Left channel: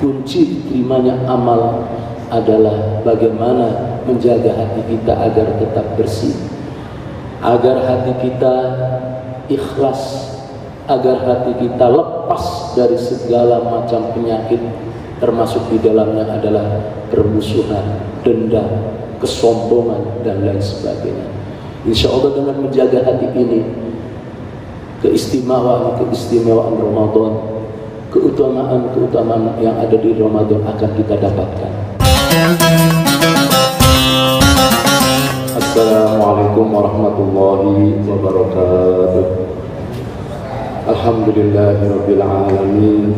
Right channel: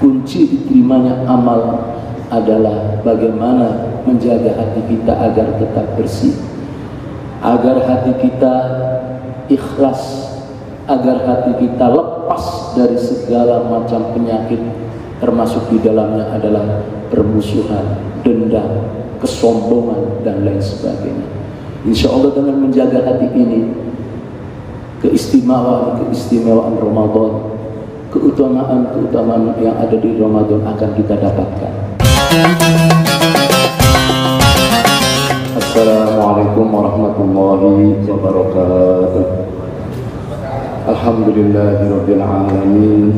kunci diterimanya amal adalah bagaimana menjaga hati kita agar tetap bersih, agar hati kita ikhlas, agar hati kita lepas dari segala macam penyakit, termasuk di dalamnya adalah permusuhan, dendam, kesombongan, dan lain sebagainya. Insya Allah dengan menjaga hati ini, keistimewaan Ramadan, keutamaan yang ada di Ramadan akan kita dapatkan. Assalamualaikum warahmatullahi wabarakatuh. Alhamdulillahirabbil alamin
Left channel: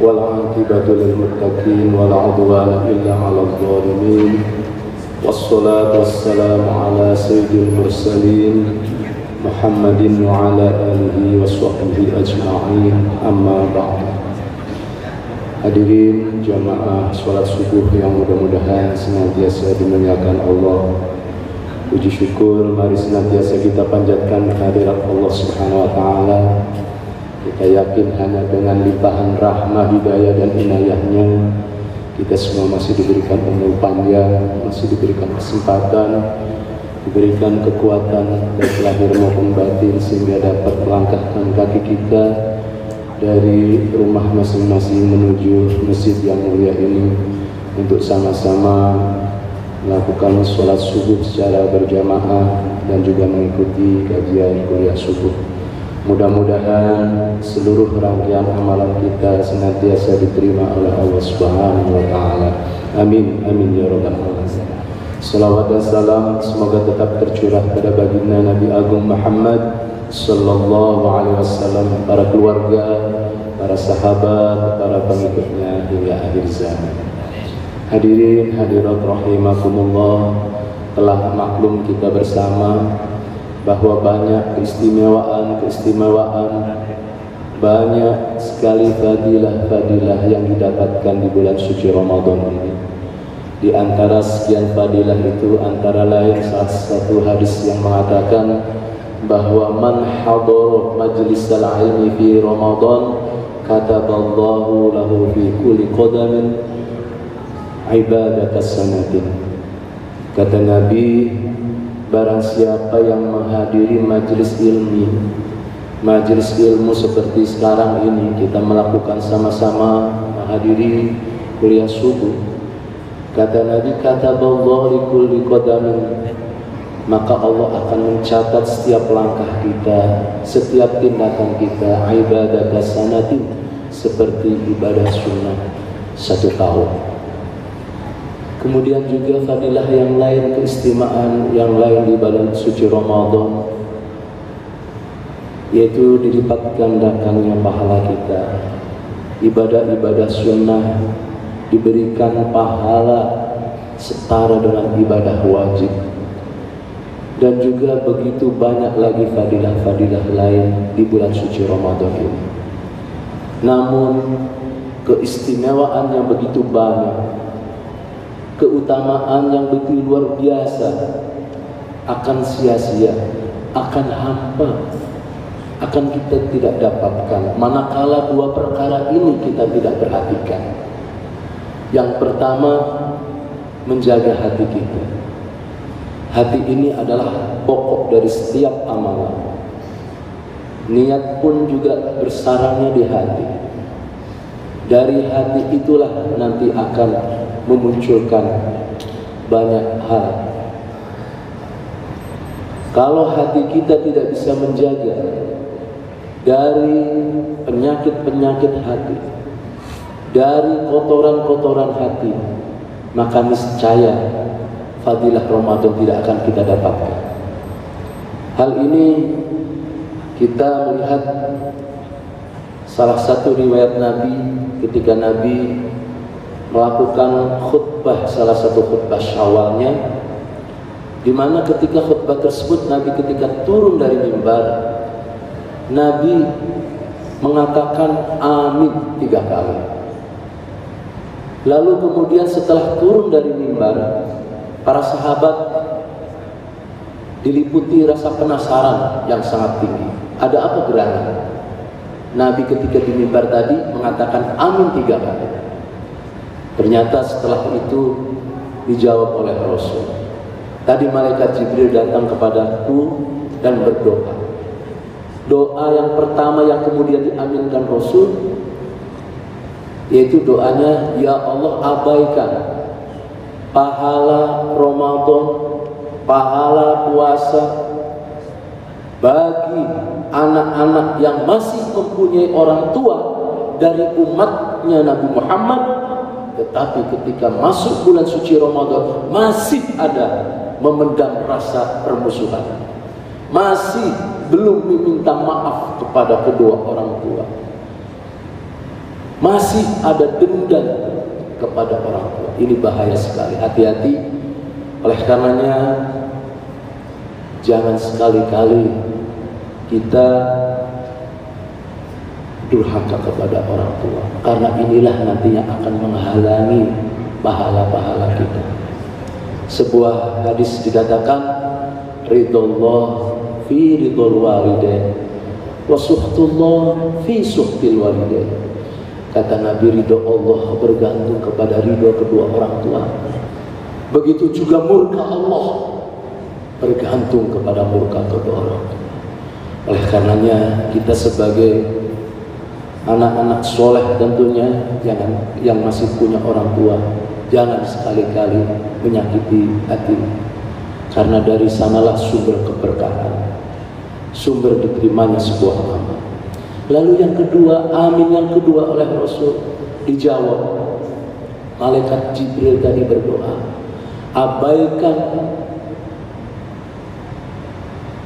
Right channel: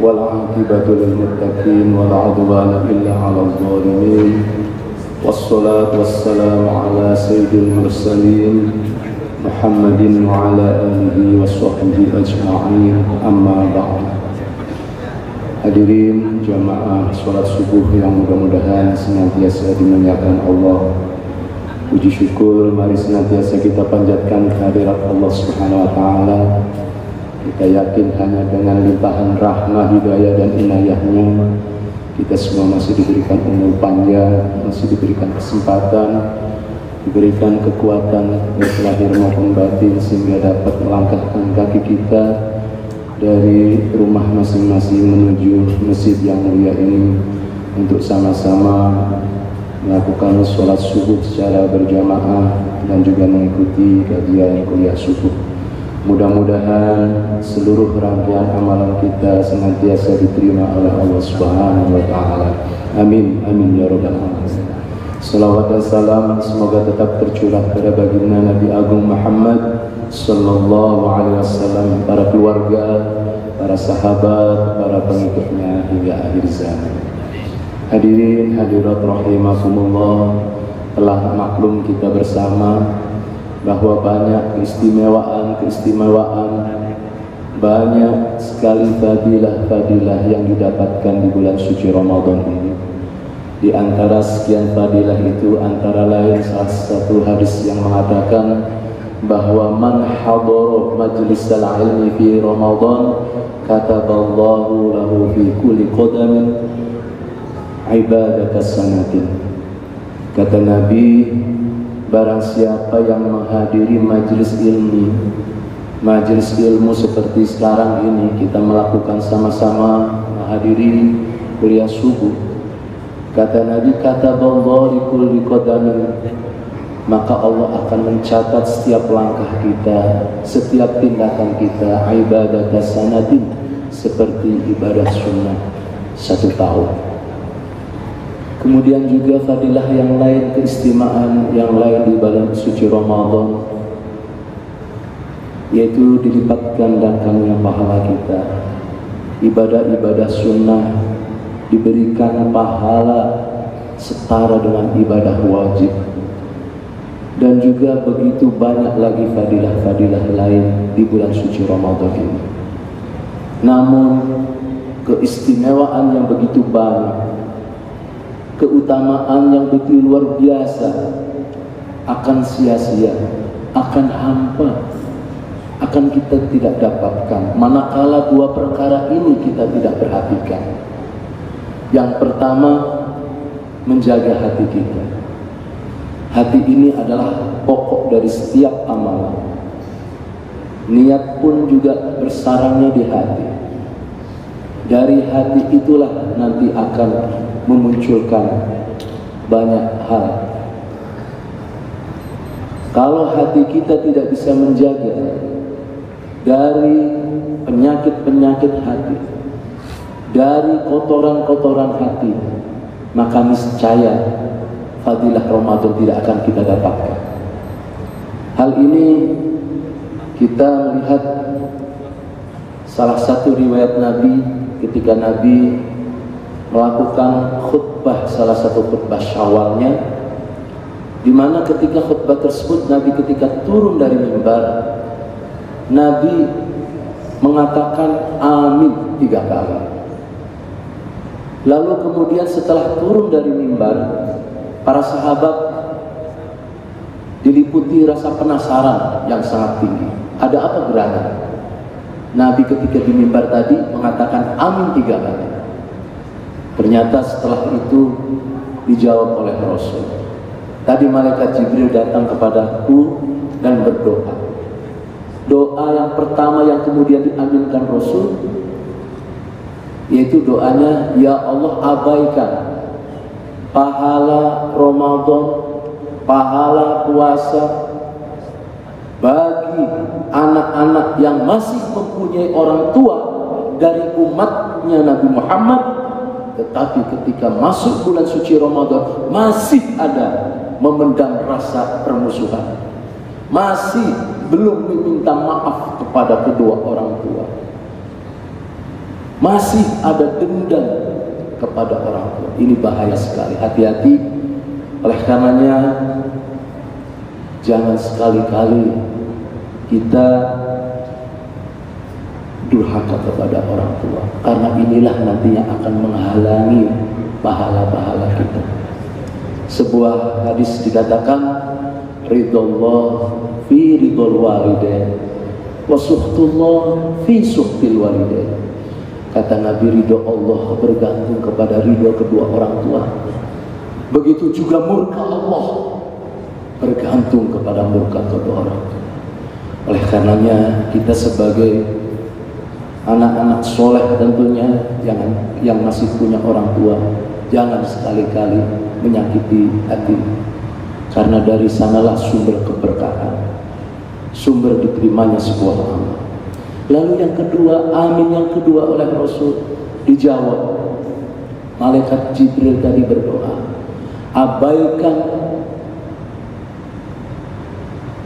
wal 'aqibatu lil muttaqin wala 'udwana illa 'alal zalimin. Wassalatu wassalamu ala sayyidil mursalin Muhammadin wa ala alihi washabbihi ajma'in, amma ba'd. Hadirin jamaah salat subuh yang mudah-mudahan senantiasa dimuliakan Allah. Puji syukur mari senantiasa kita panjatkan kehadirat Allah Subhanahu wa taala. Kita yakin hanya dengan limpahan rahmah, hidayah dan inayahnya kita semua masih diberikan umur panjang, masih diberikan kesempatan, diberikan kekuatan baik lahir maupun batin sehingga dapat melangkahkan kaki kita dari rumah masing-masing menuju masjid yang mulia ini untuk sama-sama melakukan sholat subuh secara berjamaah dan juga mengikuti kajian kuliah subuh. Mudah-mudahan seluruh rangkaian amalan kita senantiasa diterima oleh Allah Subhanahu wa taala. Amin amin ya rabbal alamin. Salawat dan salam semoga tetap tercurah pada baginda Nabi Agung Muhammad sallallahu alaihi wasallam, para keluarga, para sahabat, para pengikutnya hingga akhir zaman. Hadirin hadirat rahimakumullah, telah maklum kita bersama bahwa banyak keistimewaan, banyak sekali fadilah yang didapatkan di bulan suci Ramadan ini. Di antara sekian fadilah itu antara lain salah satu hadis yang mengatakan bahwa man hadara majlisal ilmi fi Ramadan kataballahu lahu fi kulli qadamin ibadata sanatin. Kata Nabi, barang siapa yang menghadiri majlis ilmu seperti sekarang ini kita melakukan sama-sama menghadiri kuliah subuh, kata Nabi, kataballahu li kulli qadamin, maka Allah akan mencatat setiap langkah kita, setiap tindakan kita ibadata sanatin, seperti ibadah sunnah 1 tahun. Kemudian juga fadilah yang lain, keistimewaan yang lain di bulan suci Ramadan, yaitu dilipat gandakannya pahala kita. Ibadah-ibadah sunnah diberikan pahala setara dengan ibadah wajib. Dan juga begitu banyak lagi fadilah-fadilah lain di bulan suci Ramadan ini. Namun keistimewaan yang begitu banyak, keutamaan yang begitu luar biasa akan sia-sia, akan hampa, akan kita tidak dapatkan manakala dua perkara ini kita tidak perhatikan. Yang pertama, menjaga hati kita. Hati ini adalah pokok dari setiap amalan. Niat pun juga bersarangnya di hati. Dari hati itulah nanti akan memunculkan banyak hal. Kalau hati kita tidak bisa menjaga dari penyakit-penyakit hati, dari kotoran-kotoran hati, maka niscaya fadilah Ramadan tidak akan kita dapatkan. Hal ini kita melihat salah satu riwayat Nabi ketika Nabi melakukan khutbah, salah satu khutbah Syawalnya, di mana ketika khutbah tersebut Nabi ketika turun dari mimbar, Nabi mengatakan amin 3 kali. Lalu kemudian setelah turun dari mimbar, para sahabat diliputi rasa penasaran yang sangat tinggi. Ada apa gerangan? Nabi ketika di mimbar tadi mengatakan amin 3 kali. Ternyata setelah itu dijawab oleh Rasul. Tadi malaikat Jibril datang kepadaku dan berdoa. Doa yang pertama yang kemudian diaminkan Rasul, yaitu doanya, ya Allah, abaikan pahala Ramadan, pahala puasa bagi anak-anak yang masih mempunyai orang tua dari umatnya Nabi Muhammad, tetapi ketika masuk bulan suci Ramadan masih ada memendam rasa permusuhan, masih belum meminta maaf kepada kedua orang tua, masih ada dendam kepada orang tua. Ini bahaya sekali, hati-hati. Oleh karenanya jangan sekali-kali kita durhaka kepada orang tua, karena inilah nanti yang akan menghalangi pahala-pahala kita. Sebuah hadis dikatakan, ridallah fi ridul walidain wa suhtullah fi suhtil walidain. Kata Nabi, ridho Allah bergantung kepada ridho kedua orang tua. Begitu juga murka Allah bergantung kepada murka kedua orang tua. Oleh karenanya kita sebagai anak-anak soleh tentunya yang masih punya orang tua, jangan sekali-kali menyakiti hati, karena dari sanalah sumber keberkahan, sumber diterimanya sebuah amal. Lalu yang kedua, amin yang kedua oleh Rasul dijawab. Malaikat Jibril tadi berdoa, abaikan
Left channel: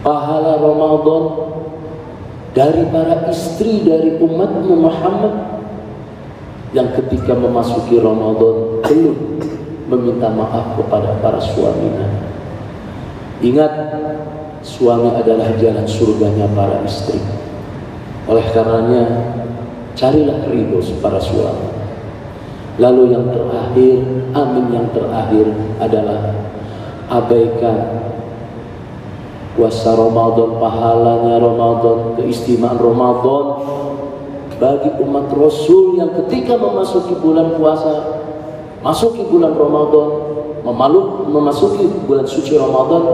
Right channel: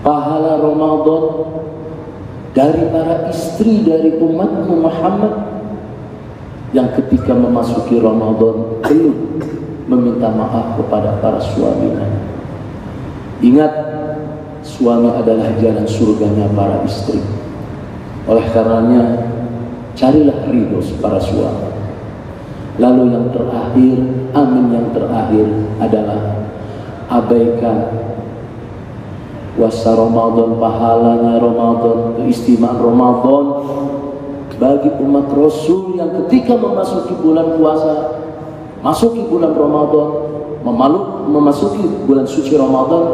pahala Ramadan dari para istri dari umatmu Muhammad yang ketika memasuki Ramadan belum meminta maaf kepada para suaminya. Ingat, suami adalah jalan surganya para istri. Oleh karenanya carilah ridho para suami. Lalu yang terakhir, amin yang terakhir adalah abaikan puasa Ramadan, pahalanya Ramadan, keistimewaan Ramadan bagi umat Rasul yang ketika memasuki bulan puasa, masuki bulan Ramadan, memasuki bulan suci Ramadan,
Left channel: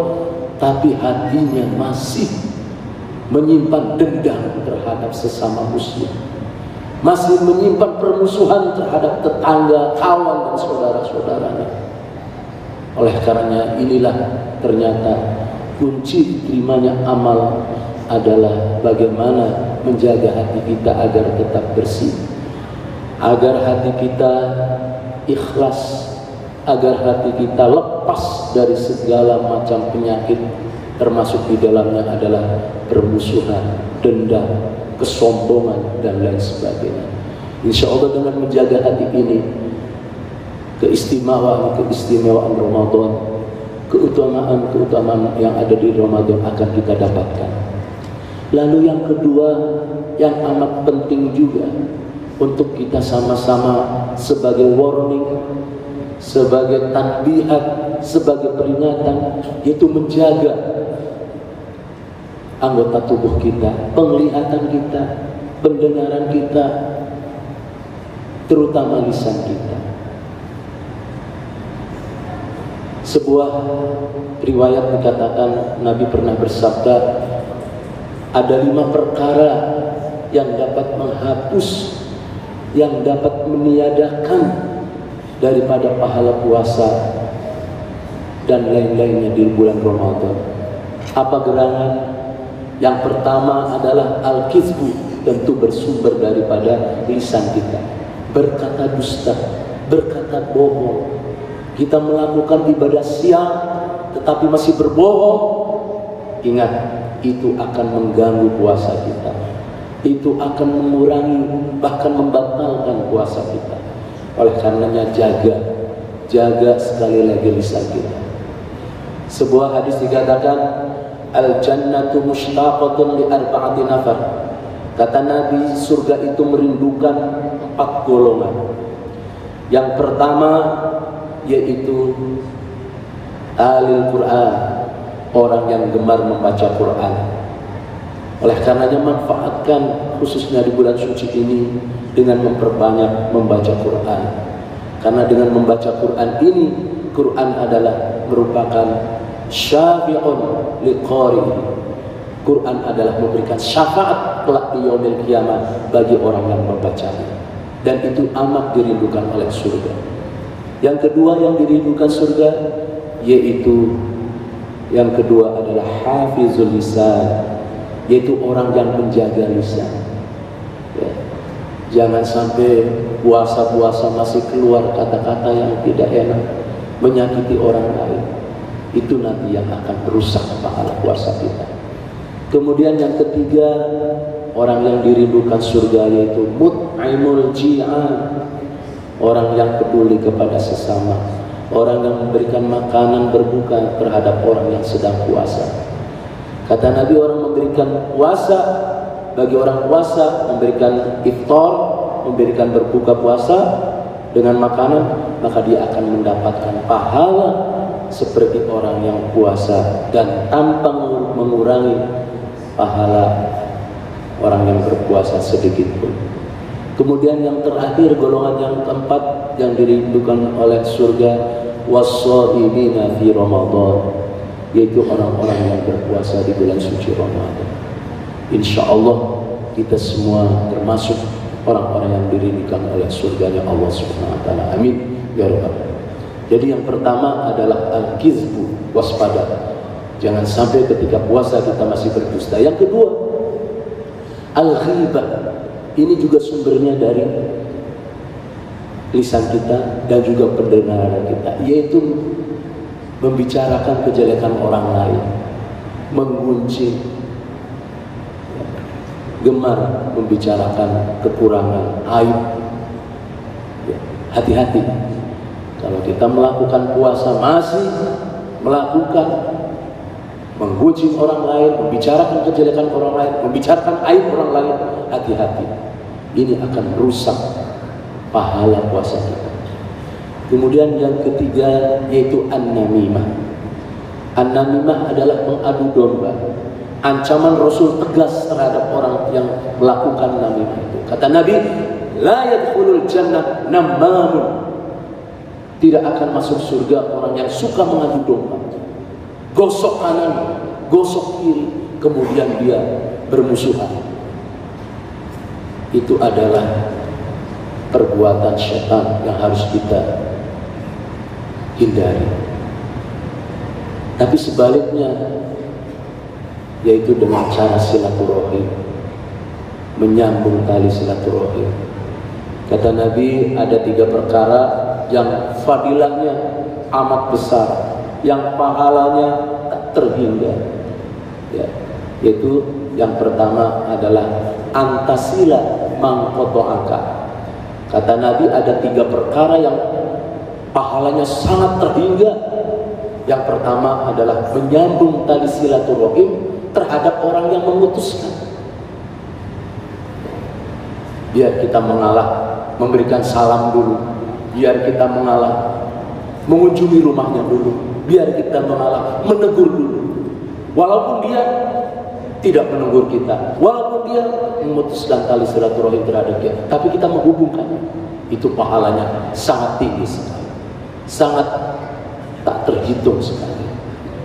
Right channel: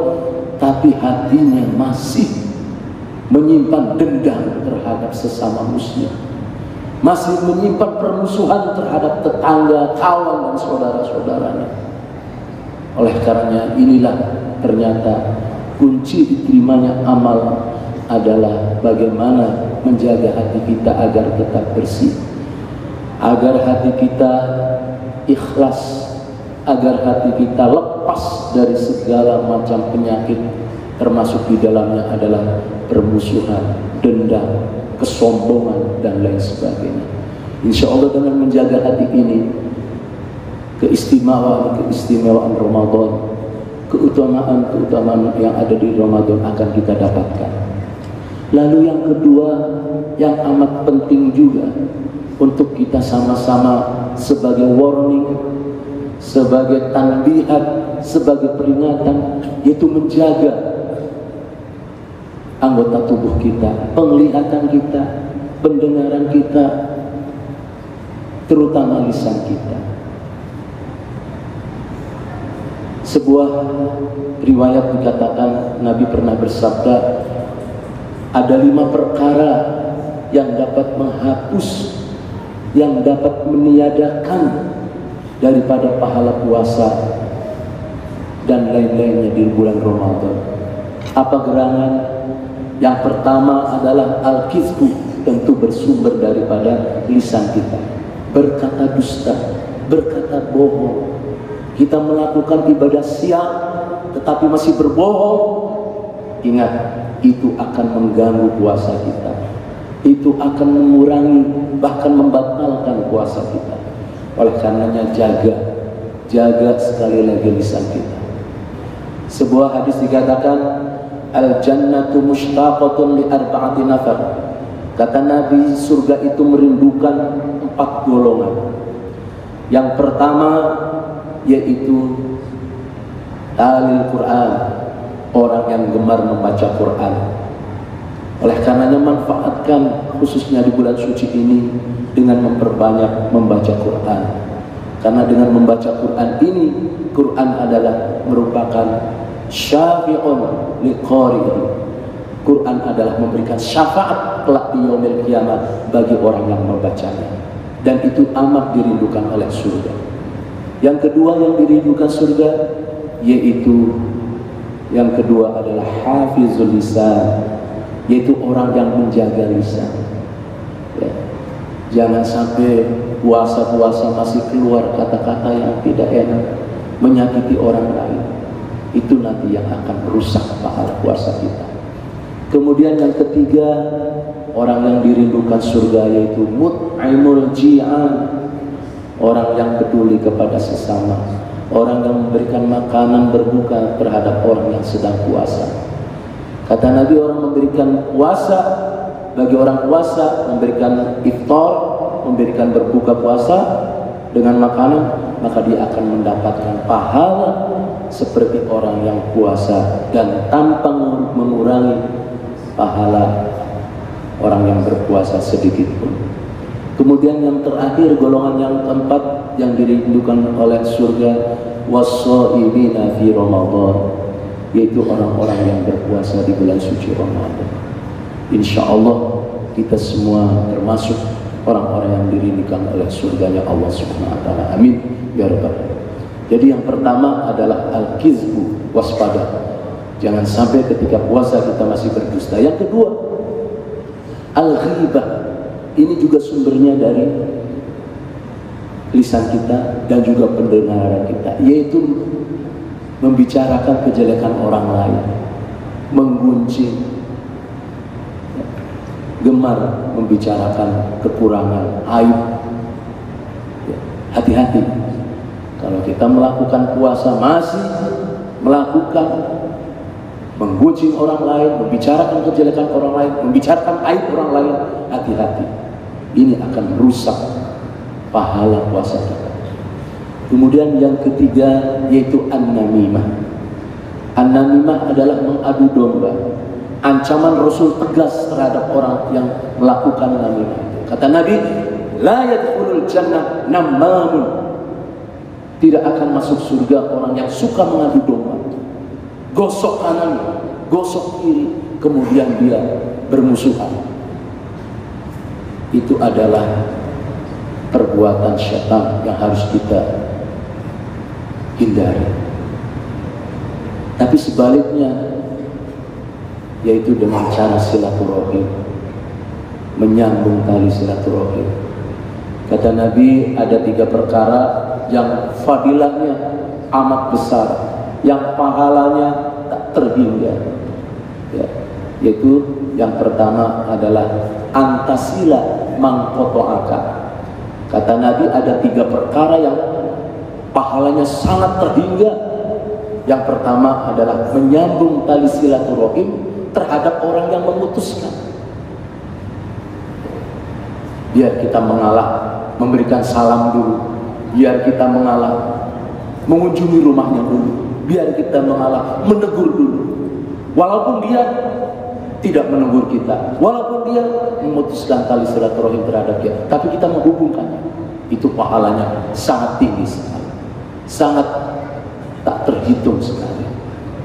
tapi hatinya masih menyimpan dendam terhadap sesama muslim, masih menyimpan permusuhan terhadap tetangga, kawan dan saudara-saudaranya. Oleh karenanya inilah ternyata kunci diterimanya amal adalah bagaimana menjaga hati kita agar tetap bersih, agar hati kita ikhlas, agar hati kita lepas dari segala macam penyakit, termasuk di dalamnya adalah permusuhan, dendam, kesombongan dan lain sebagainya. Insya Allah dengan menjaga hati ini, keistimewaan Ramadan, keutamaan yang ada di Ramadan akan kita dapatkan. Lalu yang kedua yang amat penting juga untuk kita sama-sama sebagai warning, sebagai tanbihat, sebagai peringatan, itu menjaga anggota tubuh kita, penglihatan kita, pendengaran kita, terutama lisan kita. Sebuah riwayat dikatakan Nabi pernah bersabda, ada 5 perkara yang dapat menghapus, yang dapat meniadakan daripada pahala puasa dan lain-lainnya di bulan Ramadan. Apa gerangan? Yang pertama adalah al-kizbu, tentu bersumber daripada lisan kita, berkata dusta, berkata bohong. Kita melakukan ibadah siang tetapi masih berbohong. Ingat, itu akan mengganggu puasa kita, itu akan mengurangi, bahkan membatalkan puasa kita. Oleh karenanya jaga sekali lagi lisan kita. Sebuah hadis dikatakan, al-jannatu mushtaqatun li arba'ati nafar. Kata Nabi, surga itu merindukan 4 golongan. Yang pertama yaitu alil Quran, orang yang gemar membaca Quran. Oleh karenanya manfaatkan khususnya di bulan suci ini dengan memperbanyak membaca Quran. Karena dengan membaca Quran ini, Quran adalah merupakan syafi'un liqari'ihi. Quran adalah memberikan syafaat kelak di yaumil qiyamah bagi orang yang membacanya. Dan itu amat dirindukan oleh surga. Yang kedua yang dirindukan surga, yaitu yang kedua adalah hafizul lisan, yaitu orang yang menjaga lisan. Ya. Jangan sampai puasa-puasa masih keluar kata-kata yang tidak enak, menyakiti orang lain. Itu nanti yang akan merusak pahala puasa kita. Kemudian yang ketiga, orang yang dirindukan surga yaitu mut'imul ji'an, orang yang peduli kepada sesama, orang yang memberikan makanan berbuka terhadap orang yang sedang puasa. Kata Nabi, orang memberikan puasa bagi orang puasa, memberikan iftar, memberikan berbuka puasa dengan makanan, maka dia akan mendapatkan pahala seperti orang yang puasa dan tanpa mengurangi pahala orang yang berpuasa sedikit pun. Kemudian yang terakhir, golongan yang keempat yang dirindukan oleh surga, was-shaimina fi Ramadan, yaitu orang-orang yang berpuasa di bulan suci Ramadan. Insya Allah kita semua termasuk orang-orang yang dirindukan oleh surganya Allah Subhanahu wa taala. Amin ya rabbal alamin. Jadi yang pertama adalah al-kizbu, waspada. Jangan sampai ketika puasa kita masih berdusta. Yang kedua, al-ghibah. Ini juga sumbernya dari lisan kita dan juga pendengaran kita, yaitu membicarakan kejelekan orang lain, menggunjing, gemar membicarakan kekurangan, aib. Hati-hati kalau kita melakukan puasa masih melakukan menggunjing orang lain, membicarakan kejelekan orang lain, membicarakan aib orang lain. Hati-hati, ini akan merusak pahala puasa kita. Kemudian yang ketiga yaitu an-namimah. An-namimah adalah mengadu domba. Ancaman Rasul tegas terhadap orang yang melakukan namimah. Kata Nabi, la yadkhulul jannah nammamun. Tidak akan masuk surga orang yang suka mengadu domba. Gosok kanan, gosok kiri, kemudian dia bermusuhan. Itu adalah perbuatan syaitan yang harus kita hindari. Tapi sebaliknya, yaitu dengan cara silaturahim, menyambung tali silaturahim. Kata Nabi, ada 3 perkara yang fadilahnya amat besar, yang pahalanya tak terhingga. Ya, yaitu yang pertama adalah antasila mangkotoaka. Kata Nabi, ada 3 perkara yang pahalanya sangat terhingga. Yang pertama adalah menyambung tali silaturahim terhadap orang yang memutuskan. Biar kita mengalah, memberikan salam dulu. Biar kita mengalah, mengunjungi rumahnya dulu. Biar kita mengalah, menegur dulu. Walaupun dia tidak menegur kita, walaupun dia memutuskan tali silaturahim terhadap kita, tapi kita menghubungkannya. Itu pahalanya sangat tinggi sekali, sangat tak terhitung sekali.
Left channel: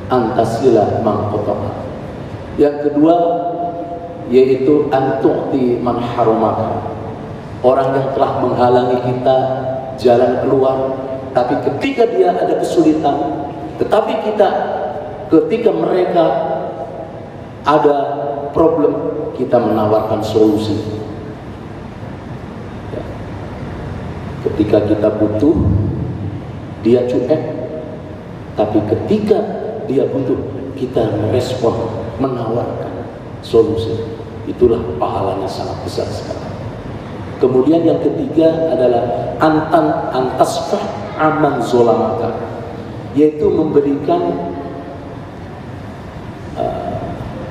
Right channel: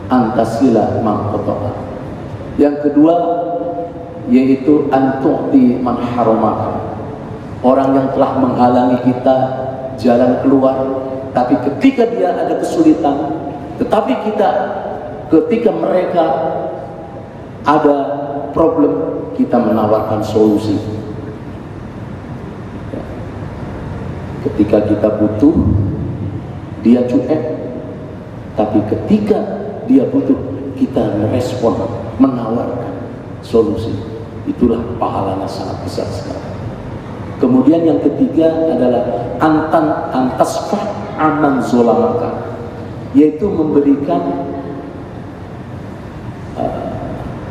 Antasila mangkotoka. Yang kedua yaitu antu'ti man haramaka. Orang yang telah menghalangi kita jalan keluar, tapi ketika dia ada kesulitan, tetapi ketika mereka ada problem, kita menawarkan solusi. Ketika kita butuh, dia cuek, tapi ketika dia butuh, kita merespon, menawarkan solusi. Itulah pahalanya sangat besar sekali. Kemudian yang ketiga adalah antasfah aman zolamaka, yaitu memberikan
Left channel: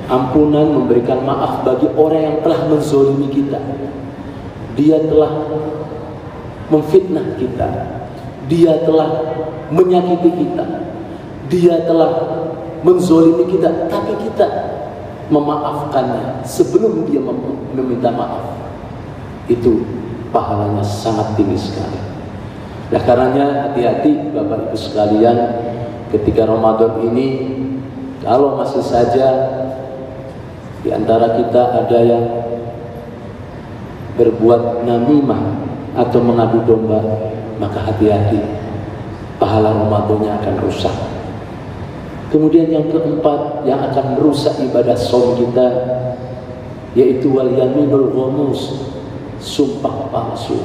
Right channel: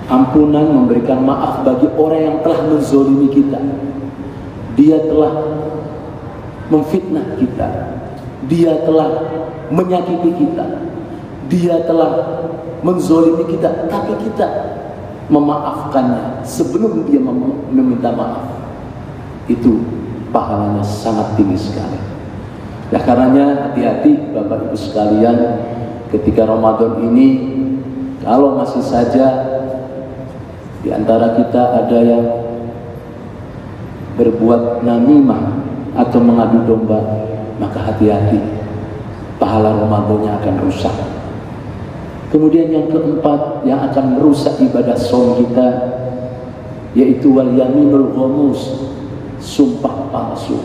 ampunan, memberikan maaf bagi orang yang telah menzolimi kita. Dia telah memfitnah kita, dia telah menyakiti kita, dia telah menzolimi kita, tapi kita memaafkannya sebelum dia meminta maaf. Itu pahalanya sangat tinggi sekali. Nah karenanya hati-hati Bapak Ibu sekalian, ketika Ramadan ini kalau masih saja di antara kita ada yang berbuat namimah atau mengadu domba, maka hati-hati, pahala Ramadannya akan rusak. Kemudian yang keempat yang akan merusak ibadah shaum kita, yaitu wal yaminul ghamus, sumpah palsu.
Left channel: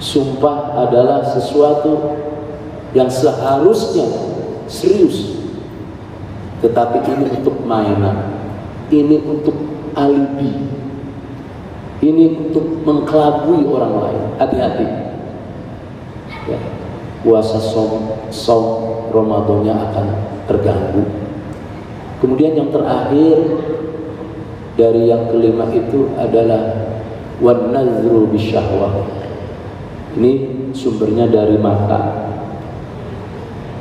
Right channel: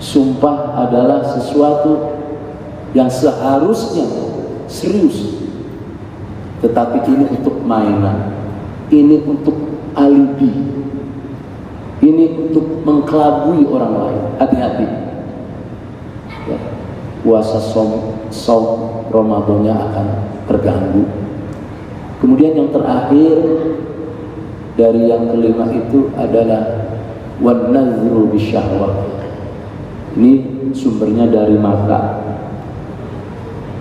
Sumpah adalah sesuatu yang seharusnya serius, tetapi ini untuk mainan, ini untuk alibi, ini untuk mengkelabui orang lain. Hati-hati ya, puasa shaum Ramadannya akan terganggu. Kemudian yang terakhir dari yang kelima itu adalah wan nazru bisyahwah. Ini sumbernya dari mata.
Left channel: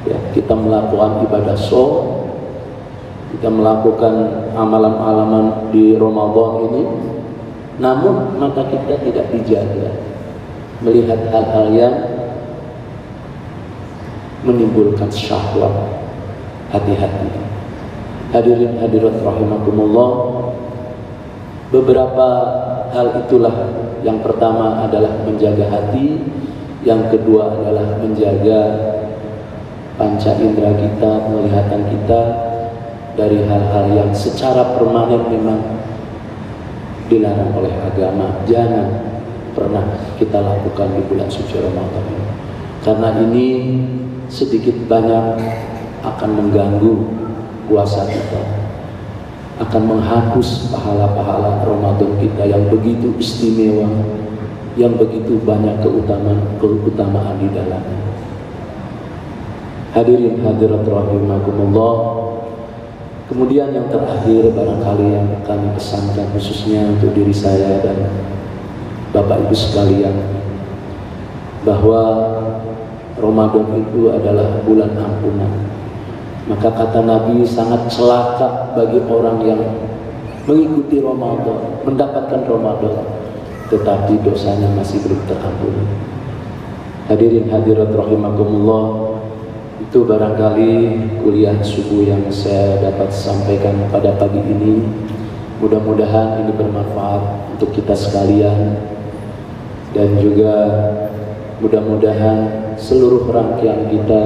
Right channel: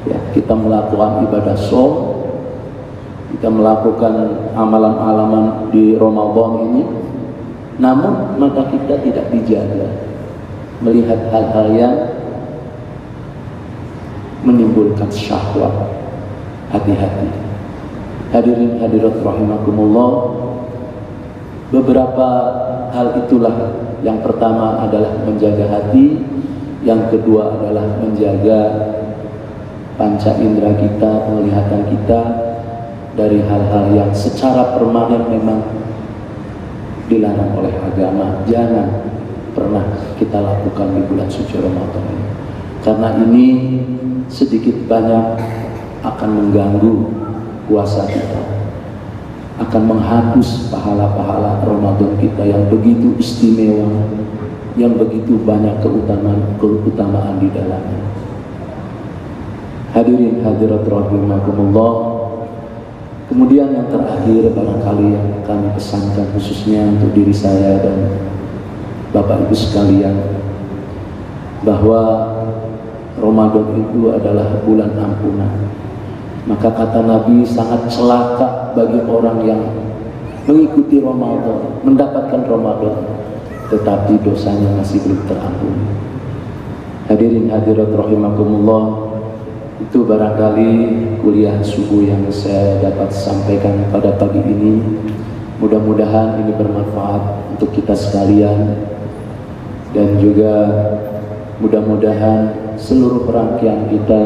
Ya, kita melakukan ibadah shaum, kita melakukan amalan-amalan di Ramadan ini, namun mata kita tidak dijaga melihat hal-hal yang menimbulkan syahwat. Hati-hati. Hadirin hadirat rahimakumullah, beberapa hal itulah. Yang pertama adalah menjaga hati, yang kedua adalah menjaga panca indera kita, penglihatan kita dari hal-hal yang secara permanen memang dilarang oleh agama. Jangan pernah kita lakukan di bulan suci Ramadan ini, karena ini sedikit banyak akan mengganggu puasa kita, akan menghapus pahala-pahala Ramadan kita yang begitu istimewa, yang begitu banyak keutamaan di dalamnya. Hadirin hadirat rahimakumullah. Kemudian yang terakhir barangkali yang kami pesankan khususnya untuk diri saya dan Bapak Ibu sekalian, bahwa Ramadan itu adalah bulan ampunan. Maka kata Nabi, sangat celaka bagi orang yang mengikuti Ramadan, mendapatkan Ramadan, tetapi dosanya masih belum terampuni. Hadirin hadirat rahimakumullah, itu barangkali kuliah subuh yang saya dapat sampaikan pada pagi ini. Mudah-mudahan ini bermanfaat untuk kita sekalian, dan juga mudah-mudahan seluruh rangkaian kita,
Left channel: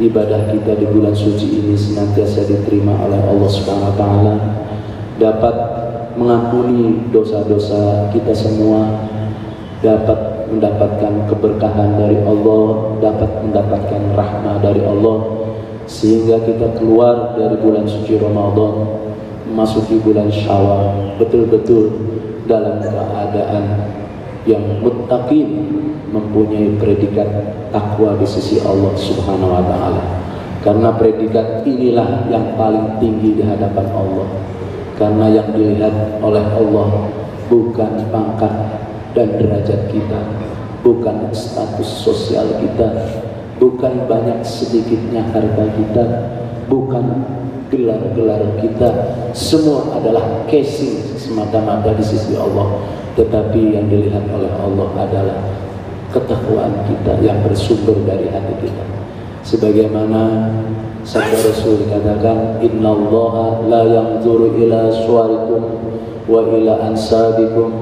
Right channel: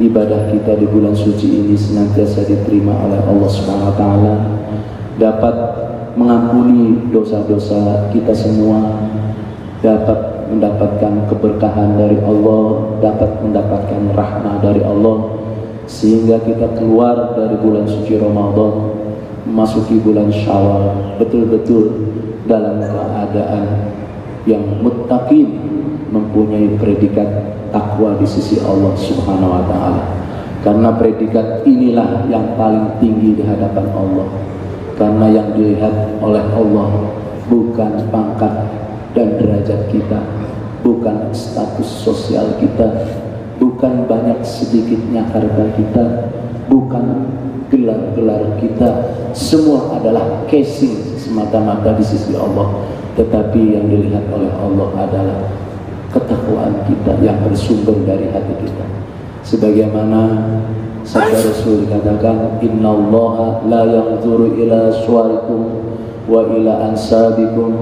ibadah kita di bulan suci ini senantiasa diterima oleh Allah SWT, dapat mengampuni dosa-dosa kita semua, dapat mendapatkan keberkahan dari Allah, dapat mendapatkan rahmah dari Allah, sehingga kita keluar dari bulan suci Ramadan memasuki bulan Syawal betul-betul dalam keadaan yang muttaqin, mempunyai predikat takwa di sisi Allah Subhanahu wa Ta'ala. Karena predikat inilah yang paling tinggi di hadapan Allah, karena yang dilihat oleh Allah bukan pangkat dan derajat kita, bukan status sosial kita, bukan banyak sedikitnya harta kita, bukan gelar-gelar kita. Semua adalah casing semata-mata di sisi Allah, tetapi yang dilihat oleh Allah adalah ketakwaan kita yang bersumber dari hati kita. Sebagaimana sabda Rasul dikatakan, innallaha la yanzuru ila suwarikum wa ila ansabikum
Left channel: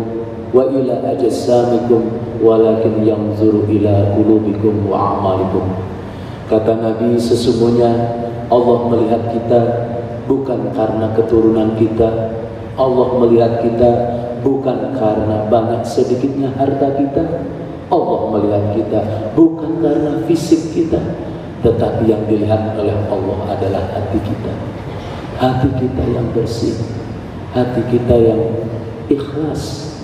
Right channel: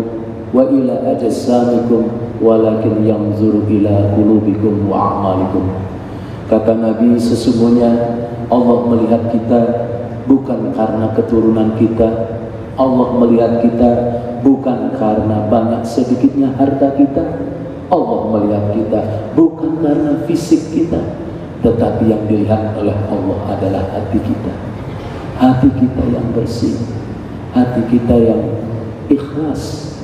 wa ila ajsamikum walakin yanzuru ila qulubikum wa a'malikum. Kata Nabi, sesungguhnya Allah melihat kita bukan karena keturunan kita, Allah melihat kita bukan karena banyak sedikitnya harta kita, Allah melihat kita bukan karena fisik kita, tetapi yang dilihat oleh Allah adalah hati kita. Hati kita yang bersih, hati kita yang ikhlas,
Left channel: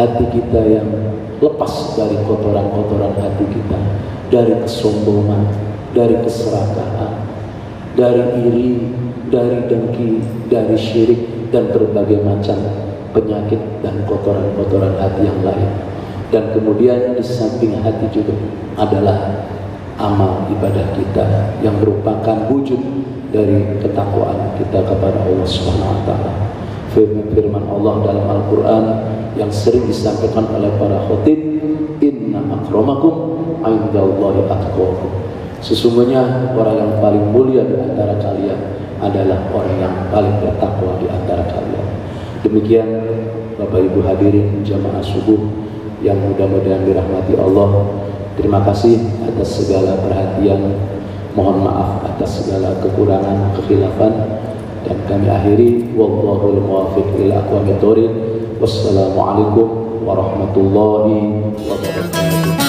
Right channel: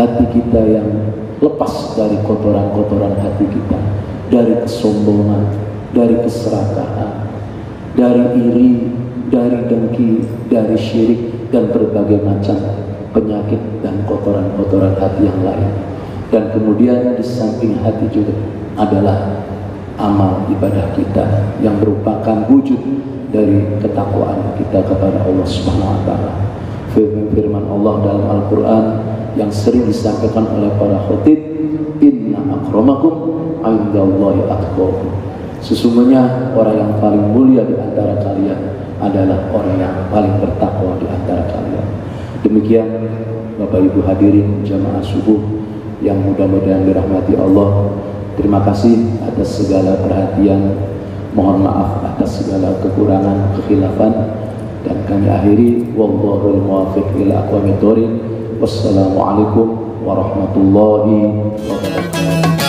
hati kita yang lepas dari kotoran-kotoran hati kita, dari kesombongan, dari keserakahan, dari iri, dari dengki, dari syirik, dan berbagai macam penyakit dan kotoran-kotoran hati yang lain. Dan kemudian di samping hati juga adalah amal ibadah kita yang merupakan wujud dari ketakwaan kita kepada Allah Subhanahu wa Ta'ala. Firman Allah dalam Al-Quran yang sering disampaikan oleh para khatib, inna akramakum akramakum indallahi atqakum. Sesungguhnya orang yang paling mulia di antara kalian adalah orang yang paling bertakwa di antara kalian. Demikian Bapak Ibu hadirin jamaah subuh yang mudah-mudahan dirahmati Allah. Terima kasih atas segala perhatian. Mohon maaf atas segala kekurangan, kekhilafan, dan kami akhiri wallahul muwaffiq ila aqwamit thoriq. Wassalamualaikum warahmatullahi wabarakatuh.